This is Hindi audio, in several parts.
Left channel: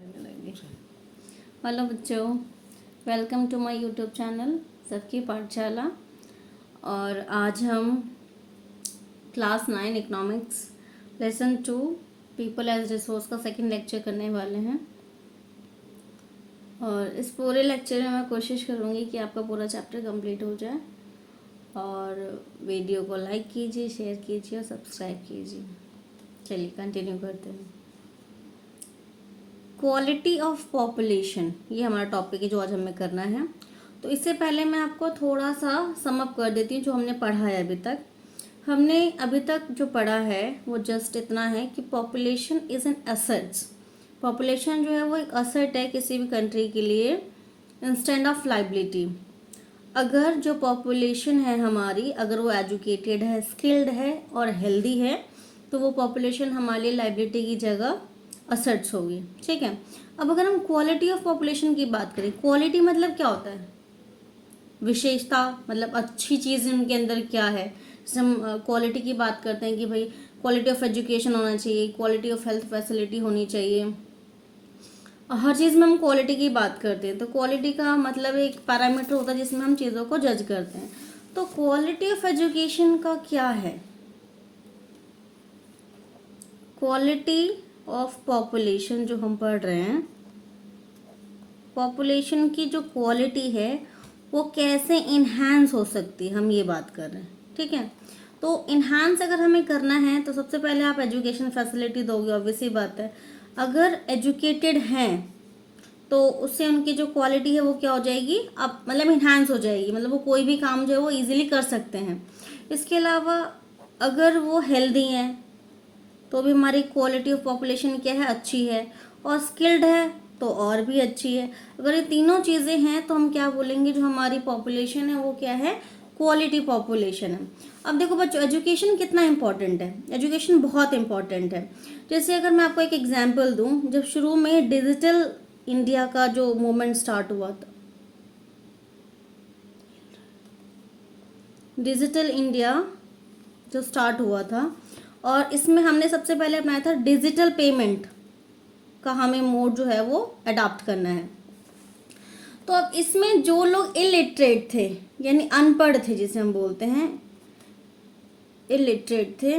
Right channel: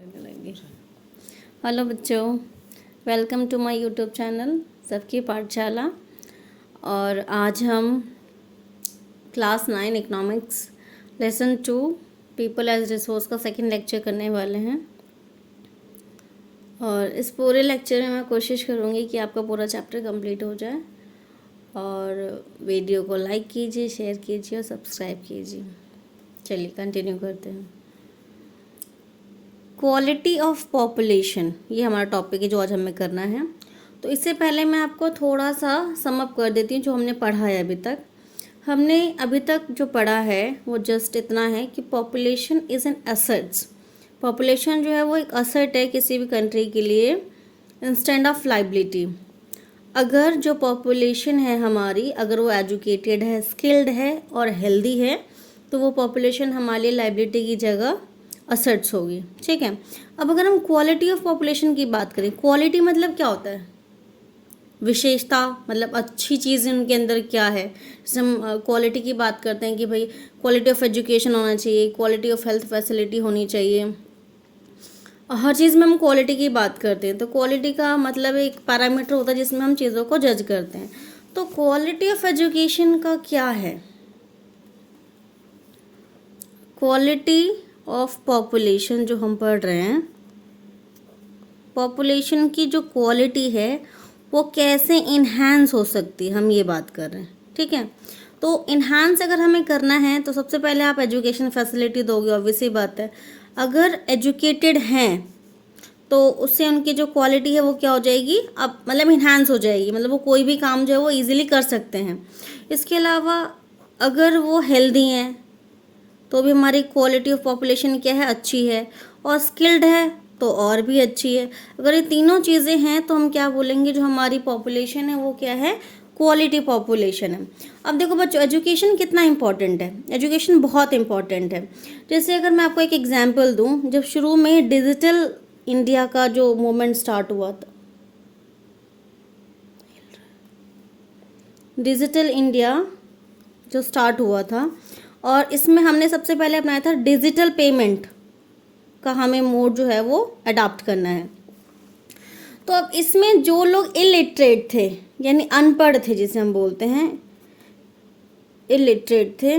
हेलो बच्चों, welcome to my YouTube channel सबकी पाठशाला। और आज हम class 9 economics lesson 2 people as resource का सेकंड लेक्चर करने वाले हैं। और इस पूरे लेक्चर में मैं कोशिश करूँगी कि आपका पूरा चैप्टर कंप्लीट हो जाए। और वीडियो को लाइक कीजिए, शेयर कीजिए और सब्सक्राइब कीजिए। चलिए कंटिन्यू करते हैं। क्वालिटी ऑफ पॉपुलेशन, ये हमारा टॉपिक है जो आज हमें करना है। तो इससे पहले मैं आपको थोड़ा सा समअप कर देती हूँ जो हमने पढ़ा है अभी तक। हमने अभी तक जो पढ़ा है वो जस्ट इतना है कि population is an assets. Population जो है वो एक एसेट है किसी भी कंट्री के लिए इंस्टेड ऑफ लाइबिलिटी। अगर जो पॉपुलेशन है हमारी, अगर वो एजुकेटेड है, स्किल्ड है और हेल्दी है, तो वो पॉपुलेशन हमारे लिए लाइबिलिटी की जगह असेट्स होगी। ठीक है। अब अगर हम क्वालिटी ऑफ पॉपुलेशन की बात करें, क्वालिटी मतलब क्या होता है? विशेषता, मतलब अच्छी चीज़ उनके अंदर क्या है। जैसे हम क्वालिटी की बात करते हैं कि भाई क्वालिटी ऑफ एजुकेशन होना चाहिए, क्वालिटी ऑफ हेल्थ फैसिलिटी होनी चाहिए। हर चीज़ में हम क्वालिटी की बात करते हैं। तो क्वालिटी का मतलब एक पैरामीटर होता है जिसमें हम चीज़ों को जज करते हैं। तो क्वालिटी ऑफ एजुकेशन का क्या है? क्वालिटी ऑफ पॉपुलेशन जो हम पढ़ रहे हैं, पॉपुलेशन की जो क्वालिटी है वो कैसे इन्हांस हो सकती है, हम ये बात कर रहे हैं। ठीक है। तो इन्हांस अगर हमें करना है तो सबसे पहले आप एजुकेशन फैसिलिटी दोगे, ऑब्वियसली बात है। अगर एजुकेटेड हैं तो उससे उनकी जो क्वालिटी है वो क्या हो जाएगी, अब मतलब इन्हांस हो जाएगी, मतलब वो कोई भी काम जो है वो ईजिली कर सकते हैं। इसके अलावा अगर वो हेल्दी हैं तो भी हमारी क्वालिटी ऑफ पॉपुलेशन क्या है, अच्छी है। और स्किल्ड है तो और भी अच्छी है। अगर ये तीनों चीज़ें हैं तो हम क्या बोलेंगे, जो हमारी पॉपुलेशन है वो क्या है, क्वालिटी पॉपुलेशन है। अब देखो बच्चों, एजुकेशन कितना इंपॉर्टेंट है। एजुकेशन बहुत इंपॉर्टेंट है। जैसे अगर मैं आपको एक एग्जांपल दूं, जब शुरू में डिजिटल इंडिया का जो मूवमेंट स्टार्ट हुआ था, डिजिटल इंडिया जो स्टार्ट हुआ था, और इसमें हमने सबसे पहले अपनाया था डिजिटल पेमेंट का हमें मोड जो है वो अडॉप्ट करना है। तो अब इसमें जो लोग इलिटरेट थे, यानी अनपढ़ थे, जिसे हम बोलते हैं इलिटरेट थे,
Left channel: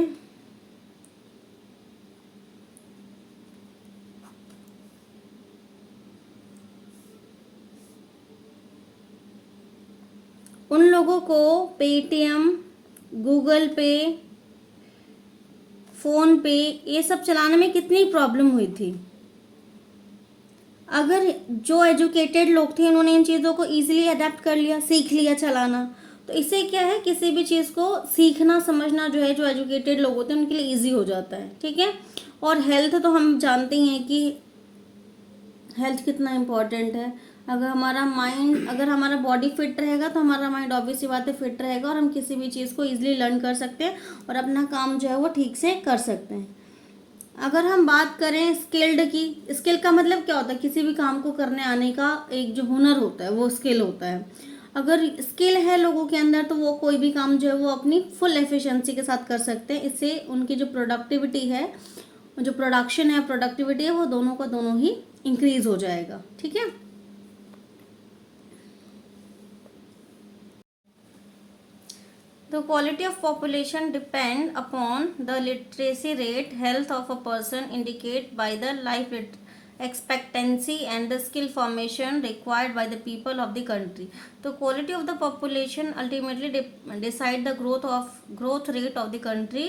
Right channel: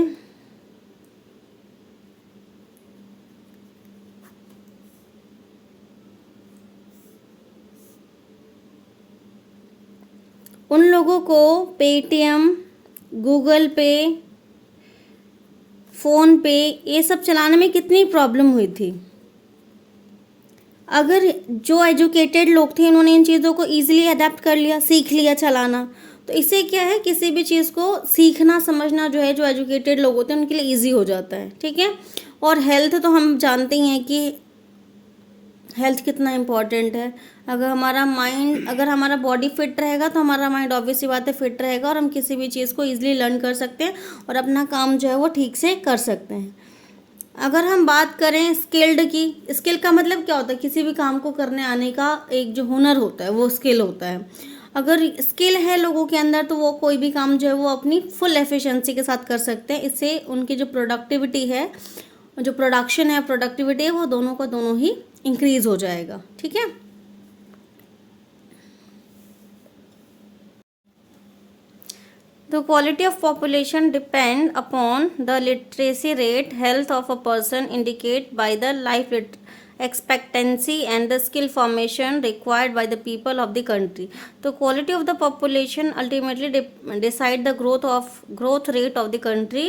उन लोगों को पेटीएम, गूगल पे, फोन पे ये सब चलाने में कितनी प्रॉब्लम हुई थी। अगर जो एजुकेटेड लोग थे उन्होंने इन चीज़ों को ईजिली अडेप्ट कर लिया, सीख लिया चलाना, तो इससे क्या है, किसी भी चीज़ को सीखना समझना जो है, जो एजुकेटेड लोग होते हैं उनके लिए ईजी हो जाता है। ठीक है। और हेल्थ तो हम जानते ही हैं कि हेल्थ कितना इम्पॉर्टेंट है। अगर हमारा माइंड, अगर हमारा बॉडी फिट रहेगा तो हमारा माइंड ऑब्वियसली बात है फिट रहेगा, और हम किसी भी चीज़ को ईजिली लर्न कर सकते हैं और अपना काम जो है वो ठीक से कर सकते हैं। अगर हम बात करें स्किल्ड की, स्किल का मतलब क्या होता है, किसी भी काम को करने आने का एक जो हुनर होता है वो स्किल होता है। अगर स्किल है लोगों के अंदर तो वो कोई भी काम जो है वो अपनी फुल एफिशिएंसी के साथ कर सकते हैं। इससे उनकी जो प्रोडक्टिविटी है, जो प्रोडक्शन है, प्रोडक्टिविटी है, वो दोनों का दोनों ही इंक्रीज हो जाएगा। ठीक है। The quality of population depend upon the literacy rate, health of a person indicate by the life expectancy and the skill formation required by the people of the country. The quality of the population ultimately decide the growth rate of the country.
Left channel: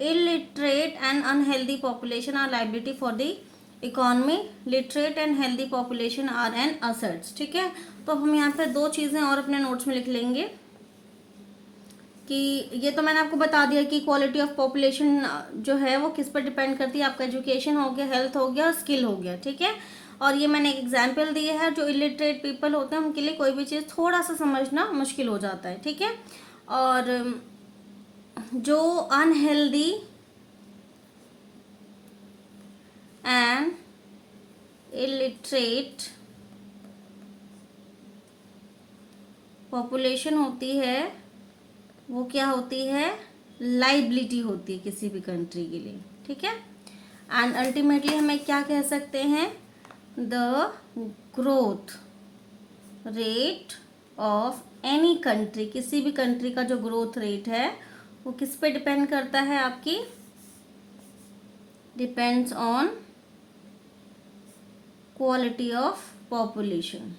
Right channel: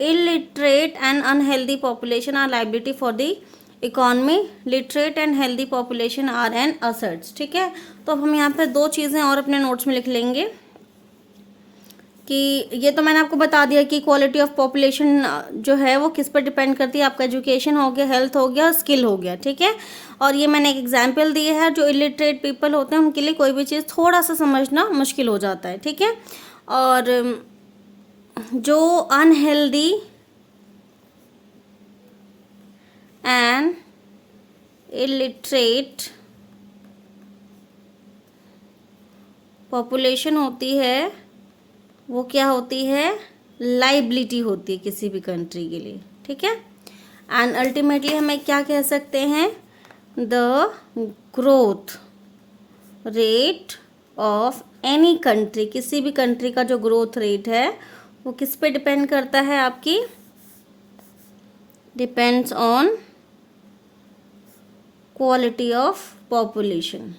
Illiterate and unhealthy population are liability for the economy, literate and healthy population are an assets. ठीक है। तो हम यहाँ पे दो चीज़ें और अपने नोट्स में लिख लेंगे कि ये तो मैंने आपको बता दिया कि क्वालिटी ऑफ पॉपुलेशन जो है वो किस पर डिपेंड करती है, आपका एजुकेशन हो गया, हेल्थ हो गया, स्किल हो गया। ठीक है। और ये मैंने एक एग्जांपल दिए है, जो इलिटरेट पीपल होते हैं उनके लिए कोई भी चीज़ थोड़ा सा समझना मुश्किल हो जाता है। ठीक है। और जो अनहेल्दी एंड इलिटरेट पॉपुलेशन होती है वो क्या होती है, लाइबिलिटी होती है किसी भी कंट्री के लिए। ठीक है। एंड अल्टीमेटली हमें क्या कह सकते हैं, the growth rate of any country, किसी भी कंट्री का जो ग्रोथ रेट है वो किस पे डिपेंड करता है आपकी, depends on quality of population.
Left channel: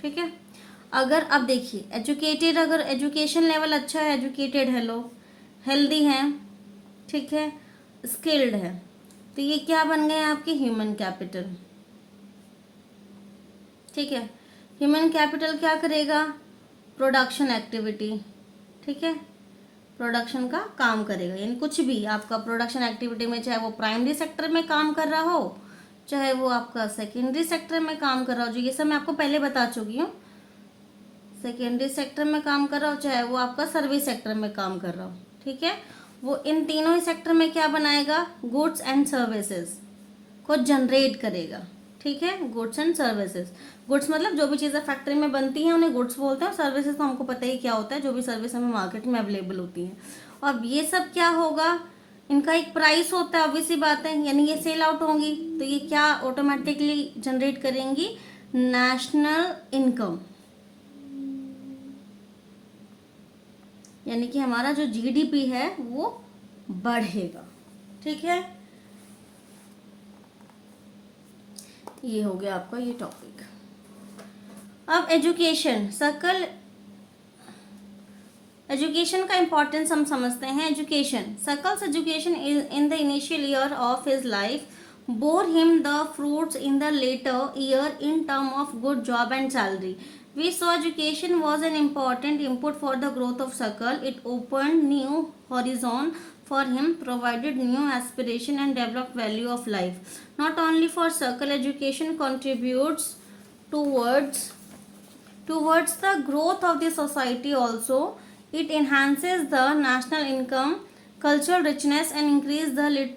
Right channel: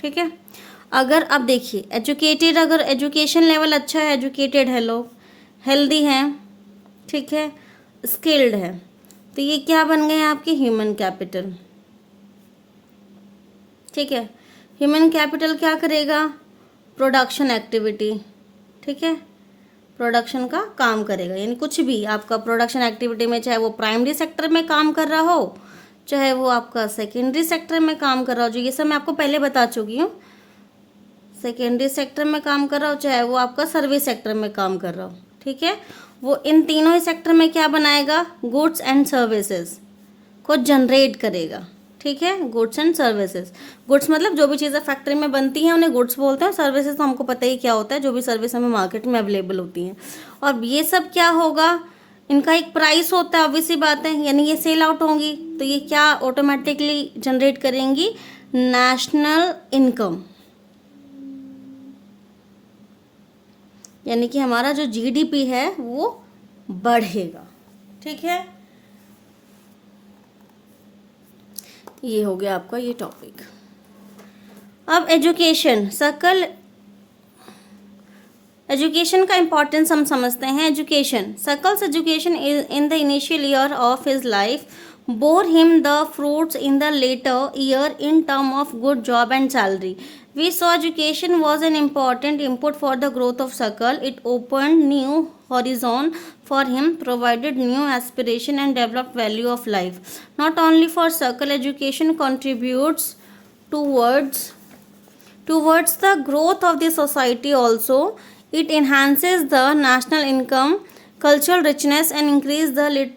ठीक है। अगर आप देखिए एजुकेटेड, अगर एजुकेशन लेवल अच्छा है, एजुकेटेड है, लोग हेल्दी हैं, ठीक है, स्किल्ड है, तो ये क्या बन गए आपके ह्यूमन कैपिटल। ठीक है, ह्यूमन कैपिटल क्या करेगा, प्रोडक्शन एक्टिविटी, ठीक है, प्रोडक्शन का काम करेगा, यानी कुछ भी आपका प्रोडक्शन एक्टिविटी में, चाहे वो प्राइमरी सेक्टर में काम कर रहा हो, चाहे वो आपका सेकेंडरी सेक्टर में काम कर रहा हो, जो ये सब मैं आपको पहले बता चुकी हूँ, सेकेंडरी सेक्टर में काम कर रहा हो, चाहे वो आपका सर्विस सेक्टर में काम कर रहा हो, ठीक है, वो इन तीनों ही सेक्टर में क्या बनाएगा, गुड्स एंड सर्विसेज को जनरेट करेगा। ठीक है, गुड्स एंड सर्विसेज, गुड्स मतलब जो भी चीज़ें फैक्ट्री में बनती हैं उन्हें गुड्स बोलते हैं, सर्विसेज तो हमको पता ही क्या होता है, जो भी सर्विस हमें मार्केट में अवेलेबल होती हैं। और ये सब क्या होगा, इनका एक प्राइस होता है, ऑब्वियस सी बात है, यानी ये सेल आउट होंगी, तो ये क्या ऑटोमेटिकली जनरेट करेंगी, नेशनल इनकम, यानी कि हमारा जो जीडीपी है वो बढ़ेगा। ठीक है, ये हो गया आपका ये टॉपिक। अब एजुकेशन, सकल एजुकेशन का इंपॉर्टेंस हम समझते हैं। Education, schools education in the initial year of his life bore him the fruits in the later year in term of good job and salary. We saw education was an important input for the growth of Sakal. It opened new horizon for him, provided new aspiration and developed value of life. Not only for Sakal, education contributes towards the growth of the society also. It enhances the national income, cultural richness, and increase the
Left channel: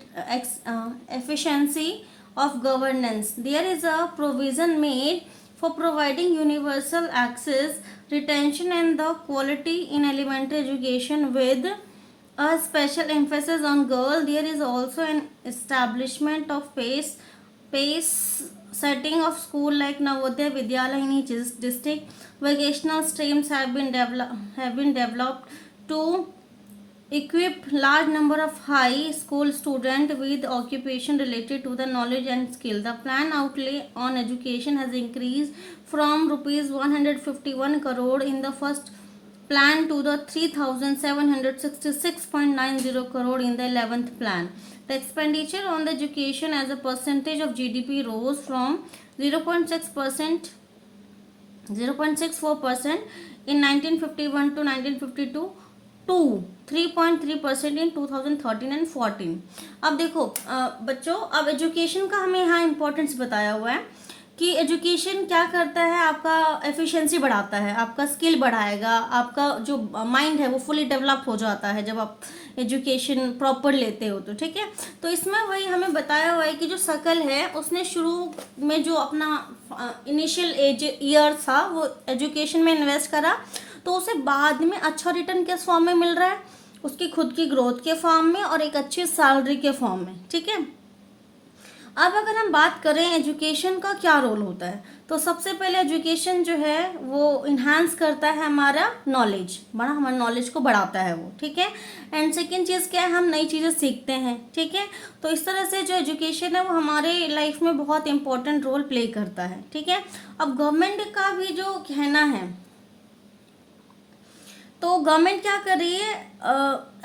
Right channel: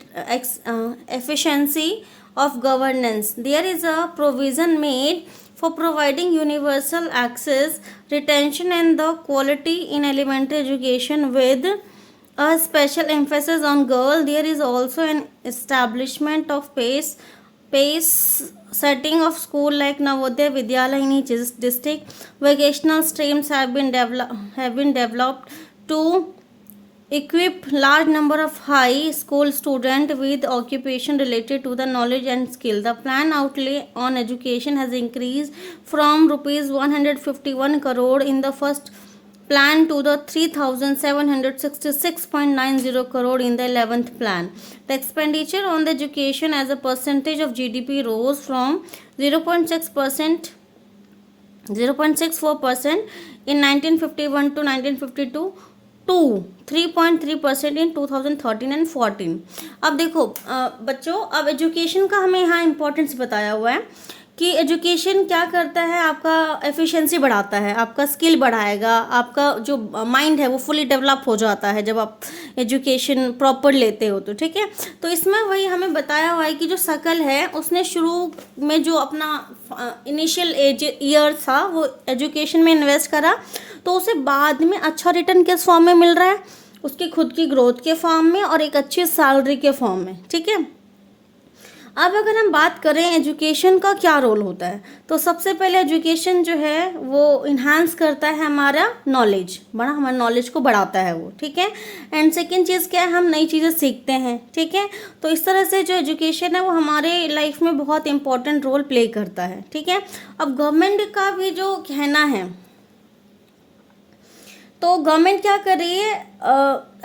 efficiency of governance. There is a provision made for providing universal access, retention, and the quality in elementary education with a special emphasis on girl. There is also an establishment of pace setting of school like Navodaya Vidyalaya in each district. Vocational streams have been developed to equip large number of high school students with occupation related to the knowledge and skill. The plan outlay on education has increased from rupees 151 crore in the first plan to the 3766.90 crore in the 11th plan. The expenditure on the education as a percentage of GDP rose from 0.6% 0.64% in 1951 to 1952 to 3.3% in 2013 and 14। अब देखो बच्चों, अब एजुकेशन का हमें यहाँ इम्पोर्टेंस बताया हुआ है कि एजुकेशन क्या करता है, आपका एफिशिएंसी बढ़ाता है, आपका स्किल बढ़ाएगा, आपका जो माइंड है वो फुली डेवलप हो जाता है जब आप एजुकेशन प्रॉपर लेते हो तो। ठीक है, तो इसमें वही हमें बताया हुआ है कि जो सकल है उसने शुरू में जो अपना इनिशियल ईयर था वो एजुकेशन में इन्वेस्ट करा, तो उसे बाद में अच्छा रिटर्न किस फॉर्म में मिल रहा है, उसकी खुद की ग्रोथ के फॉर्म में और एक अच्छी सैलरी के फॉर्म में। ठीक है, अब अगर हम बात करें एजुकेशन का क्या रोल होता है, तो सबसे पहले एजुकेशन जो है वो इन्हांस करता है हमारा नॉलेज, हमारे नॉलेज को बढ़ाता है वो। ठीक है, एंड सेकेंड चीज़ क्या है, हम नई चीज़ें सीखते हैं। ठीक है, तो इस तरह से जो एजुकेशन है वो हमारे लाइफ में बहुत इंपॉर्टेंट रोल प्ले करता है। ठीक है, अब गवर्नमेंट का भी जो कहना है, तो गवर्नमेंट क्या कर रही है,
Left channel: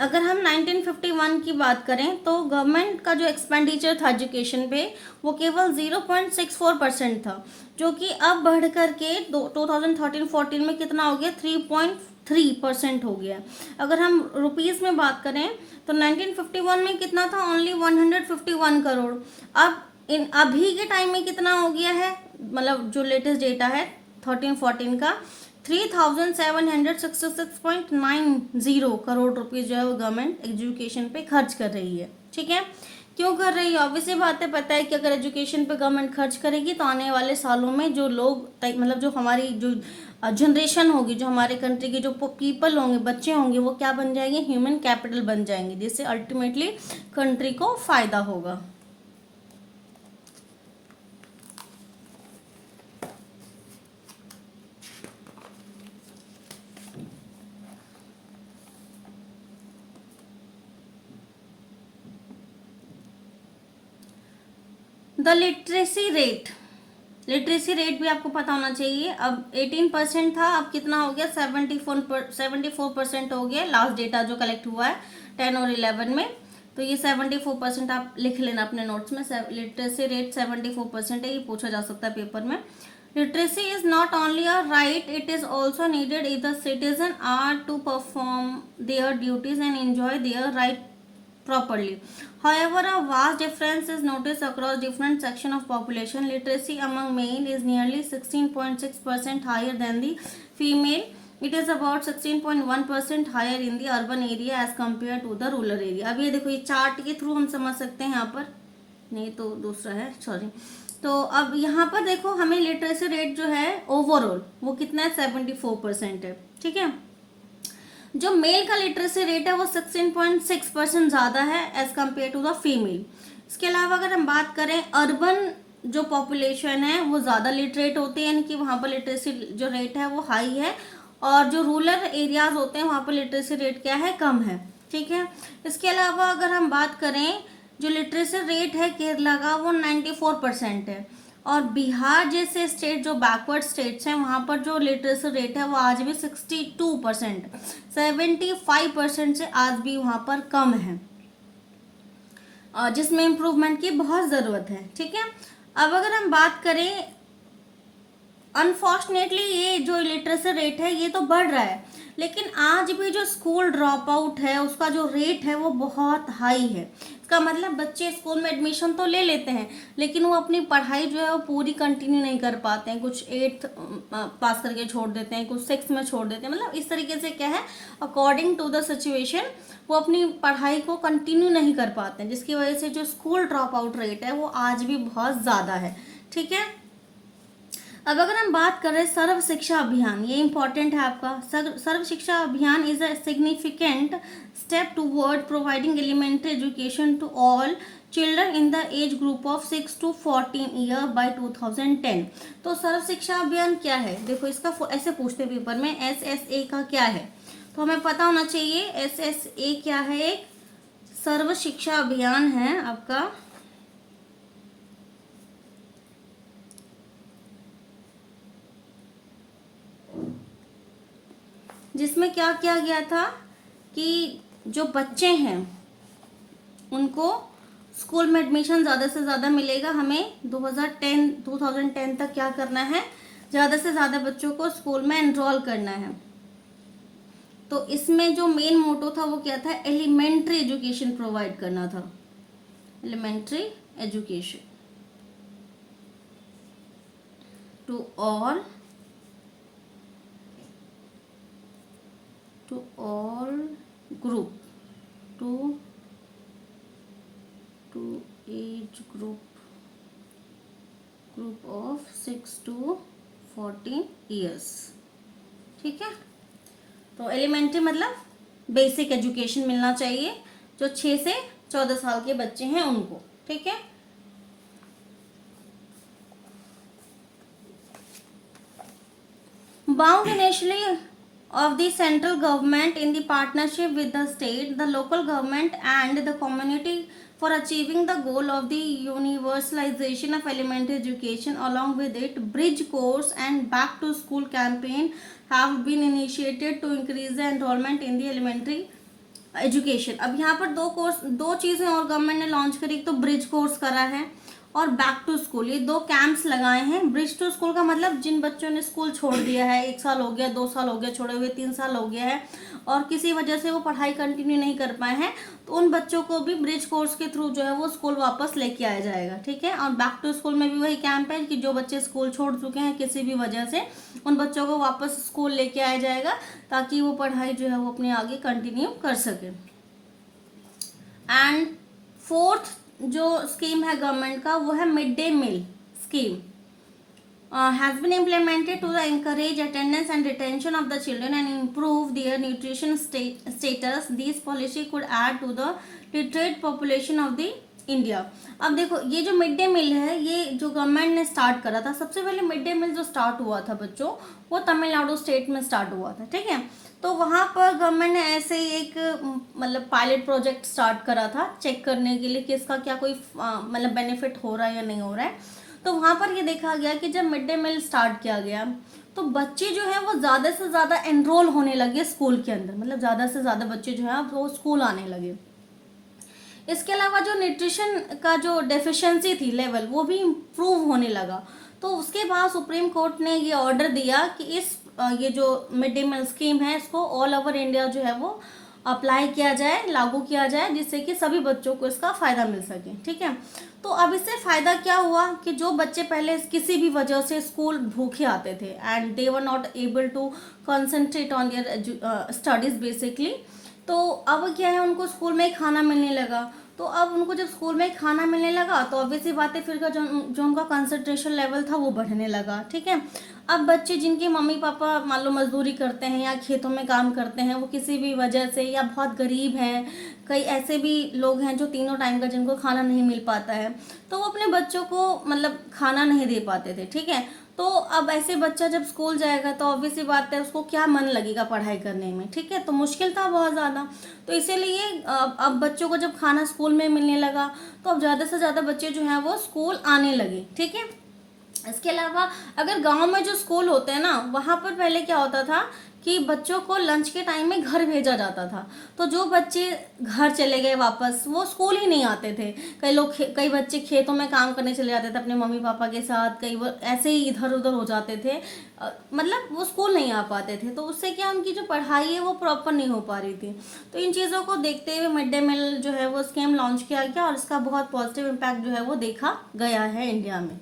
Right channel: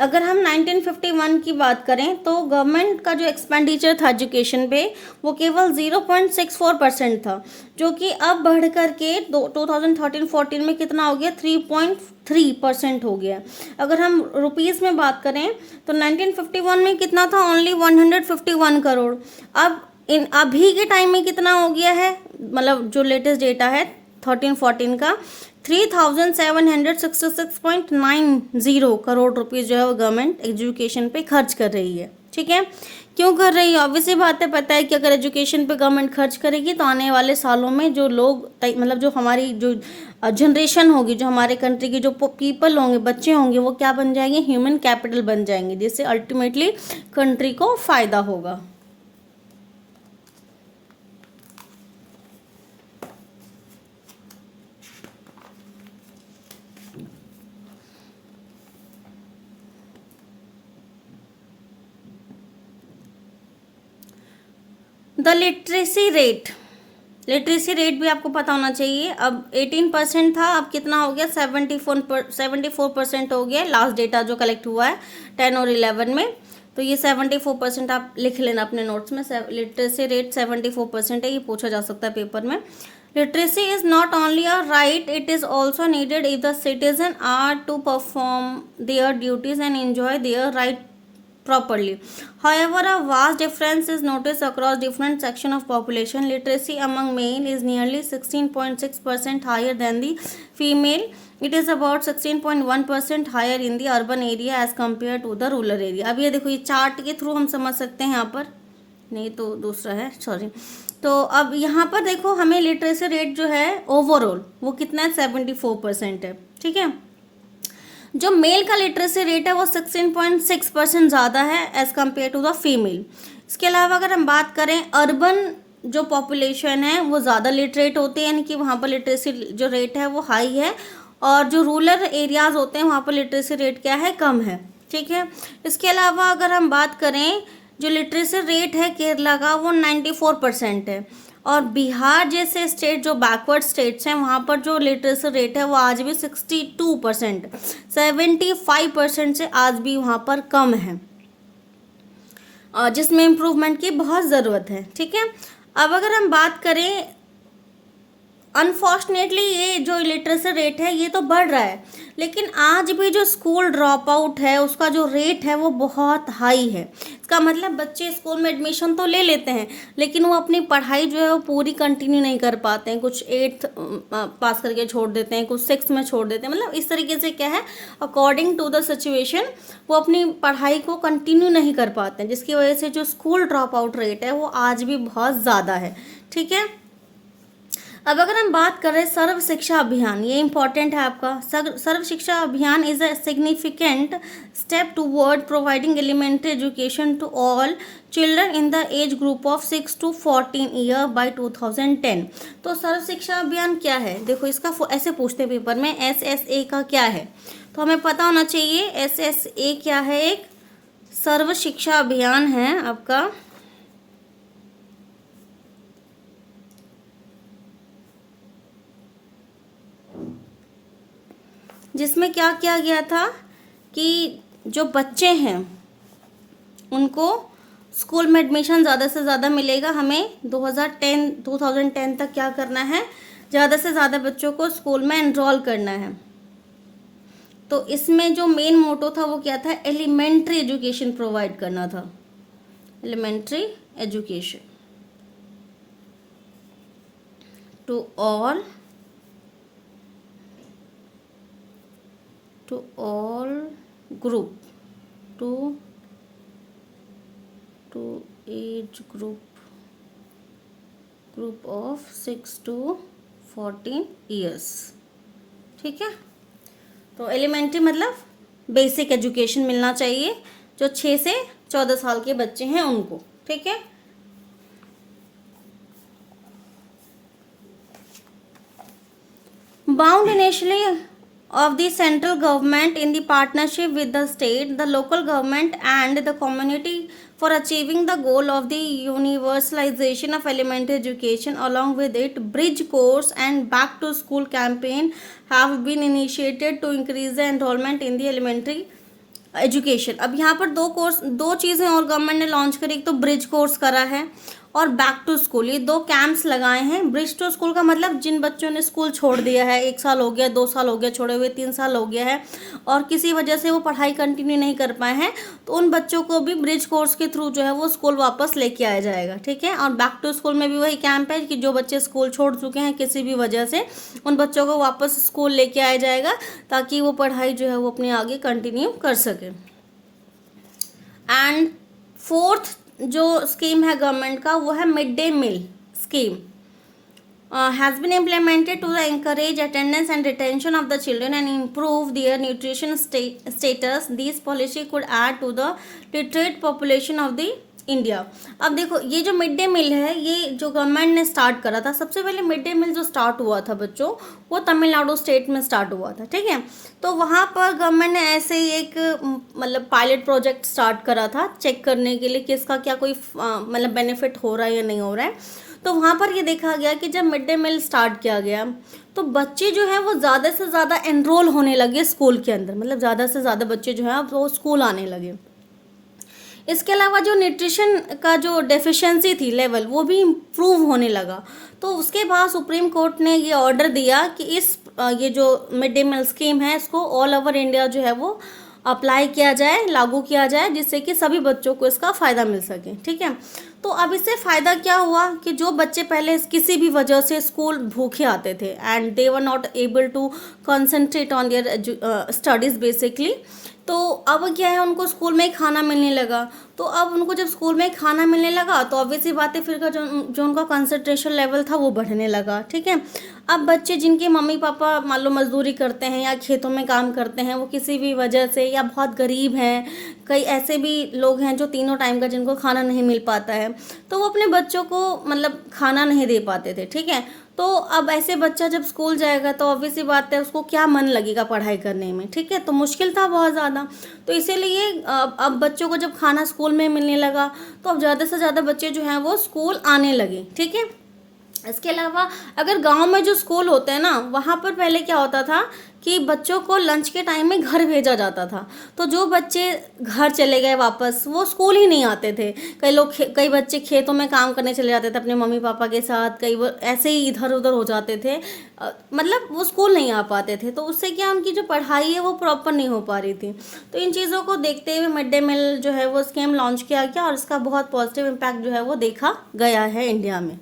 अगर हम 1951 की बात करें तो गवर्नमेंट का जो एक्सपेंडिचर था एजुकेशन पे वो केवल 0.64% था, जो कि अब बढ़ करके 2013-14 में कितना हो गया, 3.3% हो गया। अगर हम रुपीज़ में बात करें तो 1951 में कितना था, ओनली 151 करोड़। अब अभी के टाइम में कितना हो गया है, मतलब जो लेटेस्ट डेटा है 13-14 का, 3766.90 करोड़ रुपीज़ जो है वो गवर्नमेंट एजुकेशन पे खर्च कर रही है। ठीक है, क्यों कर रही है, ऑब्वियसली बात है, पता है कि अगर एजुकेशन पे गवर्नमेंट खर्च करेगी तो आने वाले सालों में जो लोग मतलब जो हमारी जो जनरेशन होगी, जो हमारे कंट्री के जो पीपल होंगे, बच्चे होंगे, वो क्या बन जाएंगे, ह्यूमन कैपिटल बन जाएंगे, जिससे अल्टीमेटली कंट्री को फायदा होगा। द लिटरेसी रेट भी आपको पता होना चाहिए। अब 18% था, अब कितना हो गया, 74% हो गया, लास्ट डेटा जो कलेक्ट हुआ है 10 और 11 में। तो ये 74% आप लिख लेना अपने नोट्स में। लिटरेसी रेट 74% है, ये पूछा जा सकता है पेपर में। Literacy is not only a right, it is also needed if the citizen are to perform their duties and enjoy their right properly. However, a vast difference is noticed across different sections of population. Literacy among male is nearly 16.6% higher than the female. It is about 16.1% higher in the urban area as compared to the rural area. अब ये देखो, ये चार्ट के थ्रू हम समझ सकते हैं। यहाँ पर नहीं तो दूसरा है, सॉरी। तो अब यहाँ पर देखो, हमें लिटरेसी रेट जो है ओवरऑल वो कितना है, 74% है। ठीक है, जो मेल का लिटरेसी रेट है वो 16.6% ज़्यादा है as compare to the female. इसके अलावा अगर हम बात करें, अर्बन जो पॉपुलेशन है वो ज़्यादा लिटरेट होते हैं, यानी कि वहाँ पर लिटरेसी जो रेट है वो हाई है, और जो रूरल एरियाज होते हैं वहाँ पर लिटरेसी रेट क्या है, कम है। ठीक है, इसके अलावा अगर हम बात करें, जो लिटरेसी रेट है केरला का वो 94% है, और बिहार जैसे स्टेट जो बैकवर्ड स्टेट्स हैं वहाँ पर जो लिटरेसी रेट है वो आज भी 62%, 75% से आज भी वहाँ पर कम है, जिसमें इम्प्रूवमेंट की बहुत ज़रूरत है। ठीक है, अब अगर हम बात करें, अनफॉर्चुनेटली ये जो लिटरेसी रेट है ये तो बढ़ रहा है, लेकिन आज भी जो स्कूल ड्रॉप आउट है उसका जो रेट है वो बहुत हाई है। इसका मतलब बच्चे स्कूल में एडमिशन तो ले लेते हैं, लेकिन वो अपनी पढ़ाई जो है वो पूरी कंटिन्यू नहीं कर पाते हैं। कुछ 8th पास करके छोड़ देते हैं, कुछ 6th में छोड़ देते हैं। मतलब इस तरीके से क्या है, अकॉर्डिंग टू द सिचुएशन वो अपनी पढ़ाई को कंटिन्यू नहीं कर पाते हैं, जिसकी वजह से जो स्कूल ड्रॉप आउट रेट है वो आज भी बहुत ज़्यादा है। ठीक है, अब अगर हम बात करें सर्व शिक्षा अभियान, ये इंपॉर्टेंट है आपका। Sarva Shiksha Abhiyan is a significant step toward providing elementary education to all children in the age group of 6 to 14 year by 2010। तो सर्व शिक्षा अभियान क्या है, देखो इसका ऐसे पूछते पेपर में, SSA का क्या है, तो हमें पता होना चाहिए। SSA क्या है, एक सर्व शिक्षा अभियान है आपका, जिसमें क्या किया गया था कि जो बच्चे हैं उनको स्कूल में एडमिशन ज़्यादा से ज़्यादा मिलेगा। हमें 2010 तक क्या करना है, ज़्यादा से ज़्यादा बच्चों को स्कूल में एनरोल करना है। तो इसमें जो मेन मोटो था वो क्या था, एलिमेंट्री एजुकेशन प्रोवाइड करना था, elementary education to all group to age group of 6 to 14 years। ठीक है, तो एलिमेंट्री मतलब बेसिक एजुकेशन मिलना चाहिए जो 6 से 14 साल के बच्चे हैं उनको। ठीक है, bound initially of the central government in the partnership with the state, the local government and the community for achieving the goal of the universalization of elementary education. Along with it, bridge course and back to school campaign have been initiated to increase the enrollment in the elementary education. अब यहाँ पर दो चीज़ें और गवर्नमेंट ने लॉन्च करी, एक तो ब्रिज कोर्स करा है और बैक टू स्कूल, ये 2 कैंप्स लगाए हैं। ब्रिज टू स्कूल का मतलब जिन बच्चों ने स्कूल छोड़ दिया है, 1 साल हो गया, 2 साल हो गया छोड़े हुए, 3 साल हो गया है, और किसी वजह से वो पढ़ाई कंटिन्यू नहीं कर पाए हैं, तो उन बच्चों को भी ब्रिज कोर्स के थ्रू जो है वो स्कूल वापस लेके आया जाएगा। ठीक है, और बैक टू स्कूल में भी वही कैंप है कि जो बच्चे स्कूल छोड़ चुके हैं किसी भी वजह से, उन बच्चों को वापस स्कूल लेके आया जाएगा ताकि वो पढ़ाई जो है वो अपनी आगे कंटिन्यू कर सके। एंड 4th जो स्कीम है गवर्नमेंट का वो है mid day meal scheme. has been implemented to encourage attendance and retention of the children and improve their nutrition status. These policy could add to the literate population of the India. अब देखो ये जो मिड डे मील है, ये जो गवर्नमेंट ने स्टार्ट करा था, सबसे पहले मिड डे मील जो स्टार्ट हुआ था बच्चों, वो तमिलनाडु स्टेट में स्टार्ट हुआ था. ठीक है, तो वहाँ पर गवर्नमेंट ने ऐसे ही एक मतलब पायलट प्रोजेक्ट स्टार्ट करा था चेक करने के लिए कि इसका क्या कोई मतलब बेनिफिट हो रहा है या नहीं हो रहा है. तो वहाँ पर ये देखा गया कि जब मिड डे मील स्टार्ट किया गया तो बच्चे जो है वो ज़्यादा से ज़्यादा एनरोल होने लगे स्कूल के अंदर, मतलब ज़्यादा से ज़्यादा बच्चे जो है वो स्कूल आने लगे. इसके अलावा जो न्यूट्रिशन का जो डेफिशिएंसी थी लेवल, वो भी इम्प्रूव होने लगा. तो उसके बाद सुप्रीम कोर्ट ने ये ऑर्डर दिया कि ये जो मिड डे मील स्कीम है इसको ऑल ओवर इंडिया जो है वो अप्लाई किया जाए, लागू किया जाए, जिससे कि सभी बच्चों को इसका फ़ायदा मिल सके. ठीक है, तो अब इससे फ़ायदा क्या हुआ कि जो बच्चे पहले किसी भी वजह से स्कूल भूखे आते थे and they were not able to concentrate on their studies basically, तो अब क्या है उनको स्कूल में खाना मिलने लगा. तो अब उनको जब स्कूल में खाना मिलने लगा तो ऑब्वियसली बात है फिर का जो उनका कंसंट्रेशन लेवल था वो बढ़ने लगा. ठीक है, अब बच्चे जिनके मम्मी पापा मान लो मजदूरी करते हैं या खेतों में काम करते हैं, वो किसी भी वजह से या बहुत गरीब हैं, कई ऐसे भी लोग हैं जो तीनों टाइम का जिनको खाना नहीं मिल पाता है, तो वो अपने बच्चों को मतलब खाना नहीं दे पाते थे. ठीक है, तो अब ऐसे बच्चा जब स्कूल जाएगा तो ऑब्वियसली बात है उसको क्या मन लगेगा पढ़ाई करने में. ठीक है, तो मुश्किल था बहुत ज़्यादा. तो इसीलिए अब बच्चों को जब खाना स्कूल में मिलने लगा तो अब ज़्यादा से ज़्यादा बच्चे जो हैं वो स्कूल आने लगे. ठीक है, इसके अलावा अगर गांव में जो स्कूल होते हैं ना, वहाँ पर पहले क्या होता था कि बच्चों को लंच के टाइम में घर भेजा जाता था. तो जो बच्चे घर चले गए वापस, वो स्कूल ही नहीं आते थे. कई बच्चे खेतों में काम करने चले जाते थे अपने मम्मी पापा के साथ, कई वो ऐसे ही इधर उधर हो जाते थे, मतलब वो स्कूल नहीं आ पाते थे. तो उससे क्या उनकी जो पढ़ाई है वो प्रॉपर नहीं हो पा रही थी. तो इन चीज़ों को देखते हुए मिड डे मील जो है वो स्कीम लॉन्च किया गया और इसका बहुत पॉजिटिव इम्पैक्ट जो है वो देखा गया है इंडिया में.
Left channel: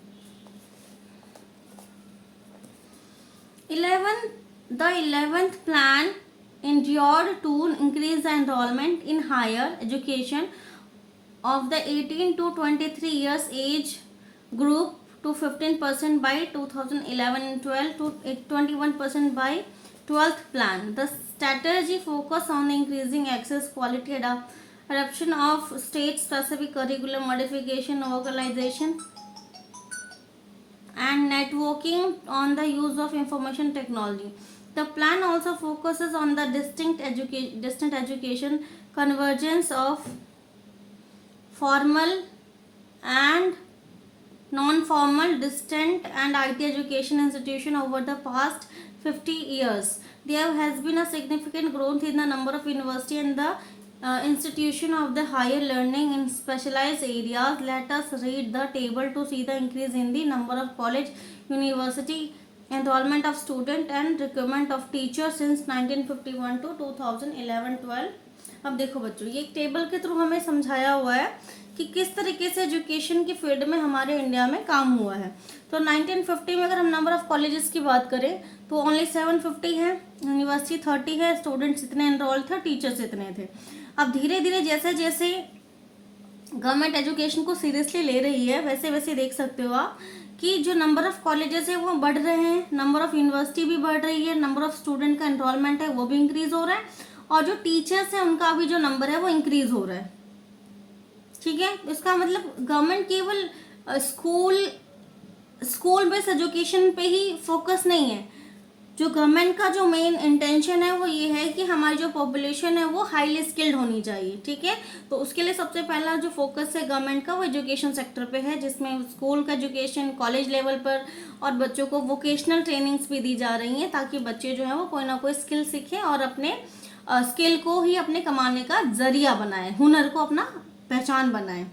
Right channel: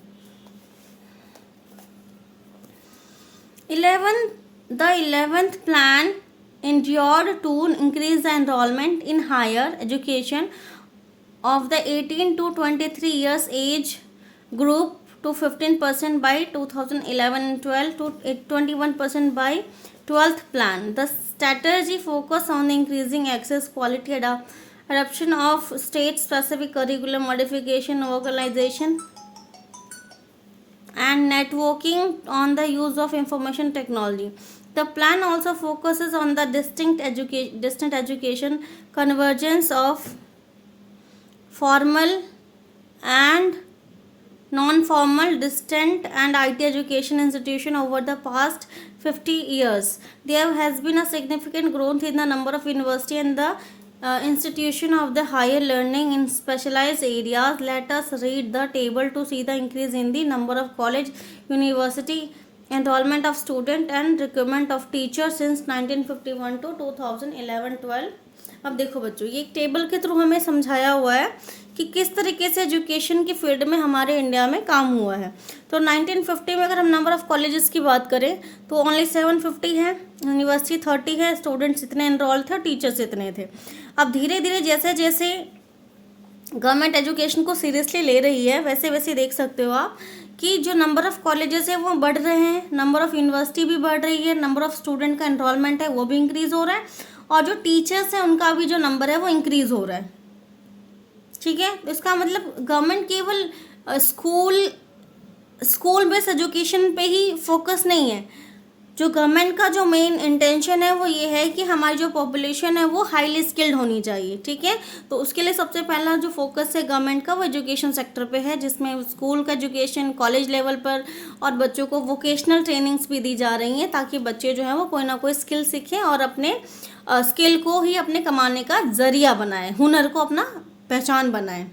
11th The 11th plan endured to increase the enrollment in higher education of the 18 to 23 years age group to 15% by 2011 and 12 to 21% by 12th plan. The strategy focused on increasing access, quality, adoption of state-specific curriculum modification, organization, and networking on the use of information technology. The plan also focuses on the distant education, convergence of formal and non-formal, distant and IT education institution. Over the past 50 years, there has been a significant growth in the number of university and the institution of the higher learning in specialized areas. Let us read the table to see the increase in the number of college, university enrollment of student and recruitment of teachers since 1951 to 2011-12. अब देखो बच्चों, ये एक टेबल के थ्रू हमें समझाया हुआ है कि किस तरीके से एजुकेशन की फील्ड में हमारे इंडिया में काम हुआ है. तो 1950 में अगर हम नंबर ऑफ कॉलेजेस की बात करें तो ओनली 750 है, यूनिवर्सिटी 30 है, स्टूडेंट्स इतने एनरोल थे, टीचर्स इतने थे. अब धीरे धीरे जैसे जैसे गवर्नमेंट एजुकेशन को सीरियसली ले रही है वैसे वैसे देख सकते हो आप कि जो नंबर ऑफ कॉलेजेस है वो बढ़ रहे हैं, नंबर ऑफ यूनिवर्सिटी भी बढ़ रही है, नंबर ऑफ स्टूडेंट का एनरोलमेंट है वो भी इंक्रीज हो रहा है, और जो टीचर्स हैं उनका भी जो नंबर है वो इंक्रीज हो रहा है. ठीक है, इसका मतलब गवर्नमेंट केवल स्कूल बेस्ड एजुकेशन पे ही फोकस नहीं है. जो गवर्नमेंट का जो मेन इंटेंशन है वो ये है कि हमारी जो पॉपुलेशन है वो हाईली स्किल्ड होनी चाहिए. ठीक है, तो उसके लिए सबसे पहला जो फोकस है गवर्नमेंट का वो एजुकेशन सेक्टर पे है, जिसमें स्कूल का एजुकेशन कॉलेज लेवल पर और बच्चों को वोकेशनल ट्रेनिंग्स भी दी जा रही हैं ताकि बच्चे जो है वो कोई ना कोई स्किल सीखें और अपने स्किल को ही अपने कमाने का जरिया बनाएं, हुनर को अपना पहचान बनाएं.